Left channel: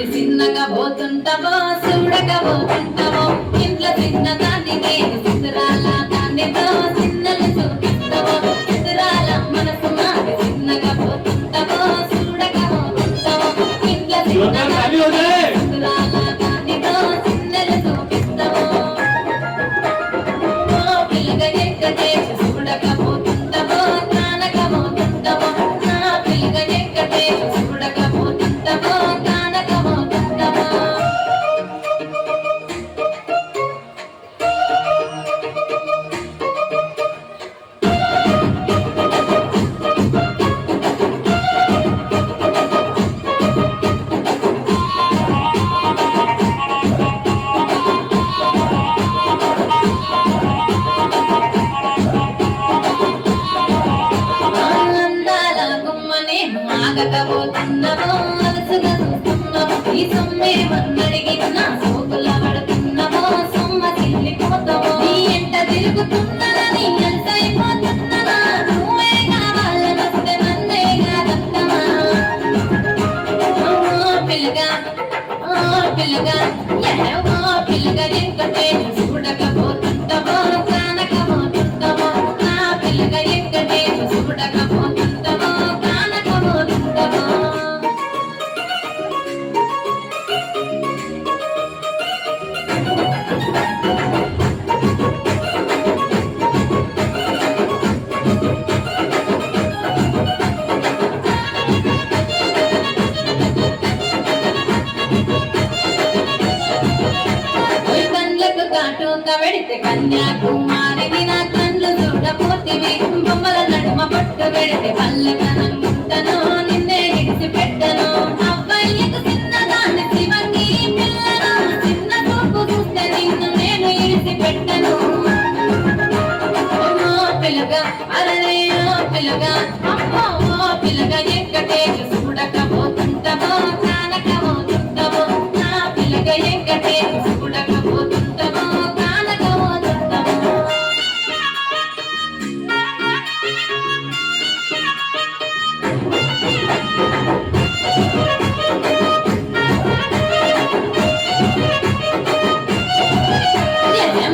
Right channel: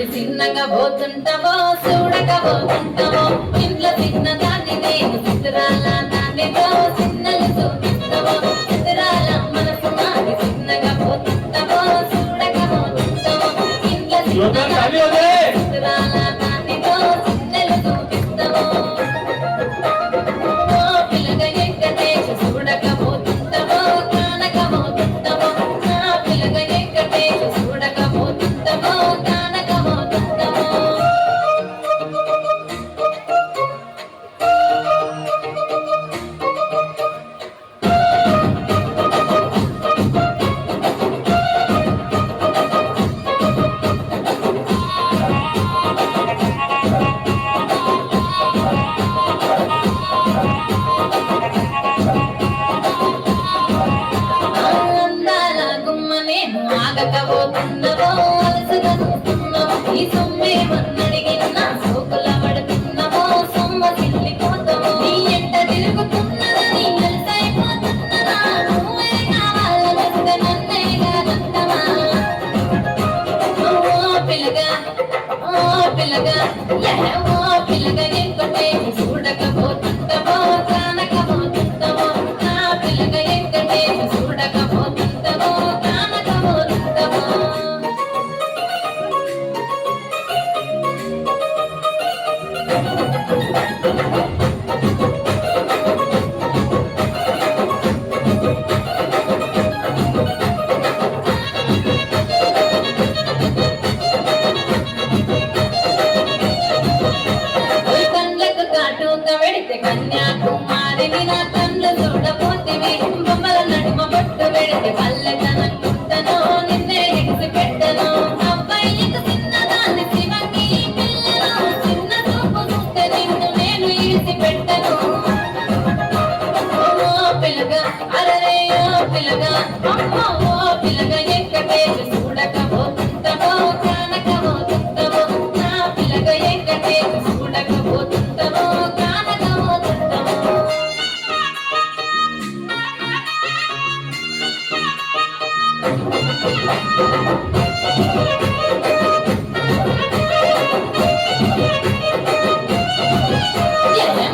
అది చిన్నగా పోతుంటావో చూడకపోతుంటావో ఇంట్లో చిన్న దాన్ని నేను చిత్రాల దానితో చిన్నలు చూపిస్తావో చిత్రాల మనసు నాది చిన్నగా పోతుంటావో చూడకపోతుంటావో ఇంట్లో చిత్రాల దానితో చిన్నలు చూపిస్తావో పిల్లగా ఎక్కటేసి చూడకపోతుంటావో కానకపోతుంటావో నా పిల్లగా ఎక్కటేసి చూడకపోతుంటావో కానకపోతుంటావో ఆగకపోతున్నవో అలసుగా చూస్తున్నవో ఈ సొమ్మే వన్నడిగిన సోకుల పడుతున్నవో సొమ్మ సిల్లిపోతావో నీ ఎంట తిరుగుతున్నదని అలసైపోతున్నదా నువ్వే కావాలనొస్తే నన్నే కాదంటవా పిల్లగా పిల్లగా పిల్లగా ఎక్కటే చూడకపోతుంటావో కానకపోతుంటావో నా పిల్లగా ఎక్కటే చూడకపోతుంటావో పెడితే కన్యాకుమారిని నా కళ్ళు చూడపోతివి బొమ్మల నడుమ బొట్టు పెడితే పల్లెతనంటాను నిన్నే ఎగిసి పెట్టను అబ్బాయికి చిన్నదాన్ని శివంగి పిల్లలు చిన్న చూపు చూస్తే నిన్ను నేను ఇరిసి పెట్టను పిల్లగా అరే పిల్లగా అమ్మో పిల్లగా ఎక్కటే చూడకపోతుంటావో కానకపోతుంటావో నా పిల్లగా ఎక్కటే చూడకపోతుంటావో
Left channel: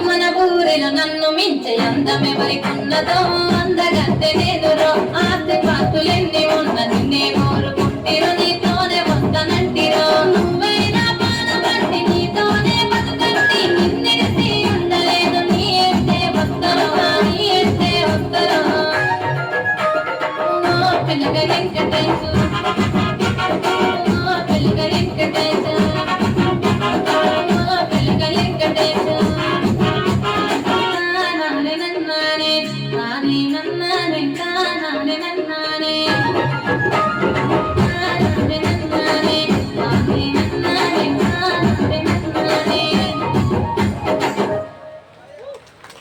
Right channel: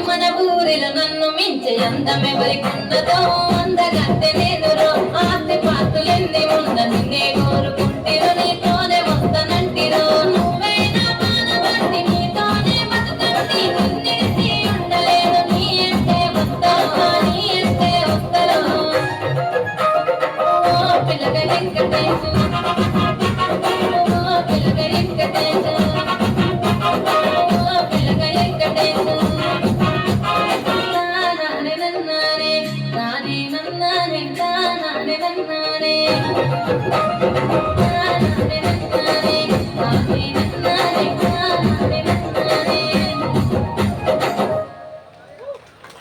మన ఊరిలో నన్ను మించే అందమెవరికున్నదో అందగంటే నేనురో ఆస్తి పాతులెన్ని ఉన్నది నే కోరుకుంటిరో నీతోనే వస్తానంటిరో నువ్వైనా పాలబంటి నీతోనే బతుకంటి నిన్నెడిసి ఉండలేదు నీ అంటే వస్తావా నీ అంటే వస్తారో పిల్లగా వెంకటేశు పిల్లగా వెంకటేశు పిల్లగా వెంకటేశు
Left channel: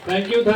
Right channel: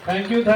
Thank you.